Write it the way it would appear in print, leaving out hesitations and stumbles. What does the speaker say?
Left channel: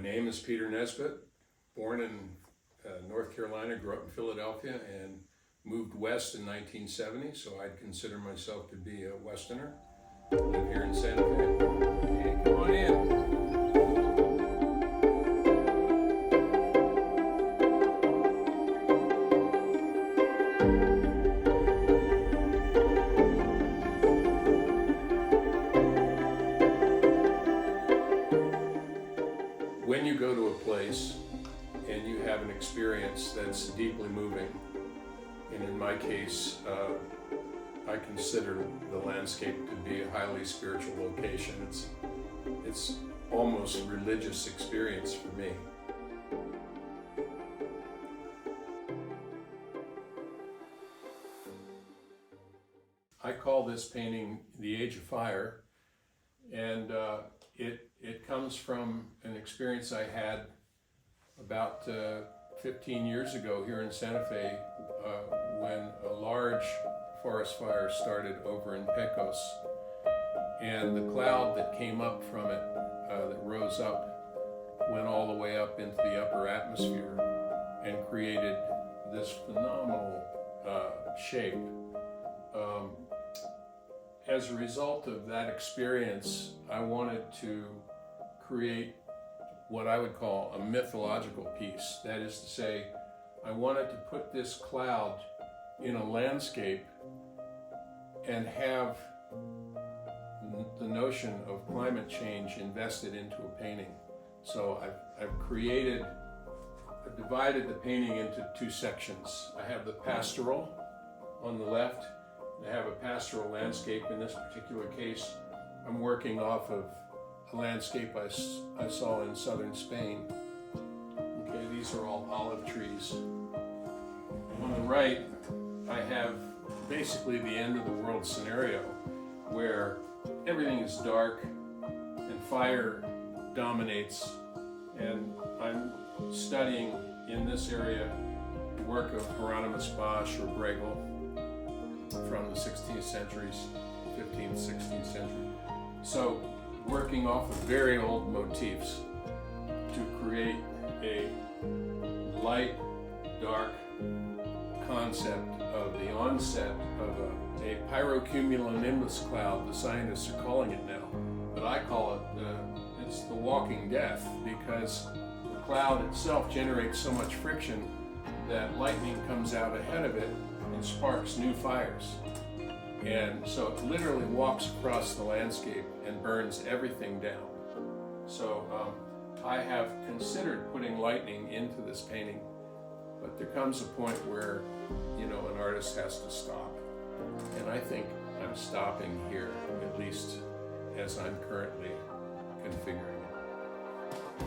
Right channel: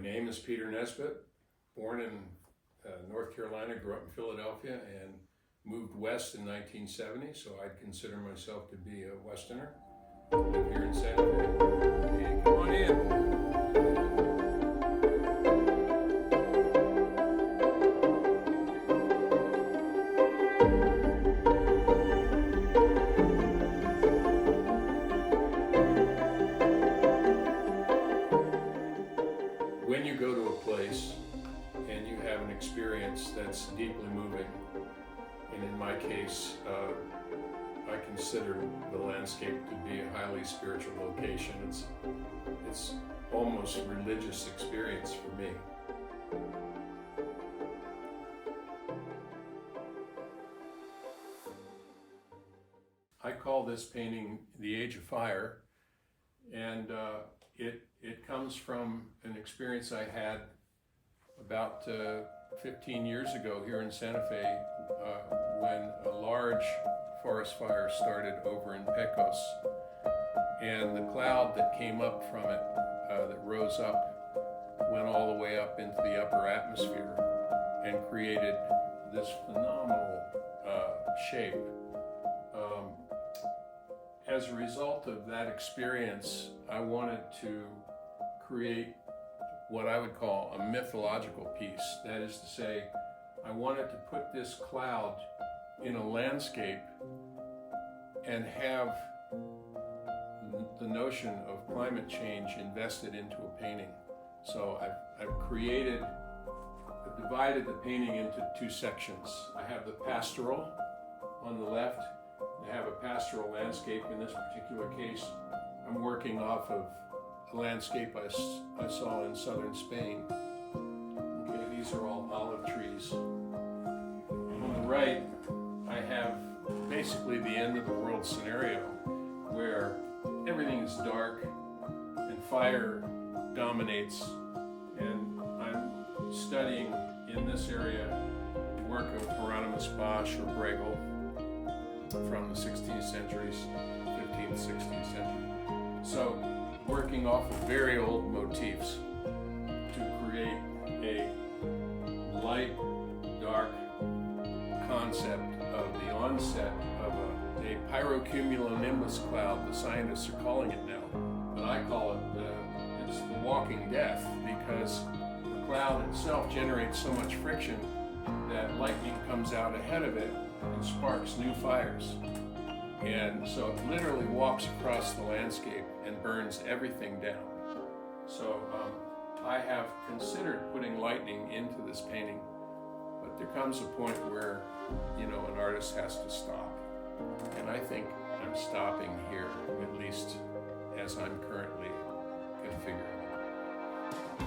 name is Peter Nisbet, born in North Carolina, grew up in Philadelphia, and moved west in 1970, so I'd consider myself to be a Westerner. Live here in Santa Fe. Hey, come on in. When you go to a place and you have an experience that's deeply moving, and in my case, I consider the landscape to be a highly spiritual location. It's almost a religious experience for me. I call this painting The Age of Fire, and it comes from an experience I had about 15 years ago here in Santa Fe when a large forest fire started over in Pecos, and the cloud that came up from it, that rose up, went all the way up into the upper atmosphere and created this phenomenal shape. As a result of that experience, I wanted to create what I would call a mythological piece. That is to say, I wanted to put this cloud in a landscape and have the notion of climate change invested into a painting. So I've divided the painting into two sections. I have the pastoral on the left. I have a pastoral landscape. In this particular case, I'm working off of a landscape I saw in southern Spain. Okay, these are all olive trees. On the right, I have basically the end of the world scenario where everything is dark and fire dominates, and I'm studying in this area the work of Hieronymus Bosch or Bruegel from the 16th centuries, 15th, 16th century. So working off of very old motifs to create a light, dark concept of the onset of a pyrocumulonimbus cloud. The scientists are calling it now, but I call it, it's the walking death, because the cloud itself generates so much friction that lightning comes out ahead of it and sparks new fires. And so it literally walks across the landscape and burns everything down. So I have considered putting lightning into this painting, but there comes a point where, an artist has to stop. And I think I'm stopping here, at least as I'm currently configuring it.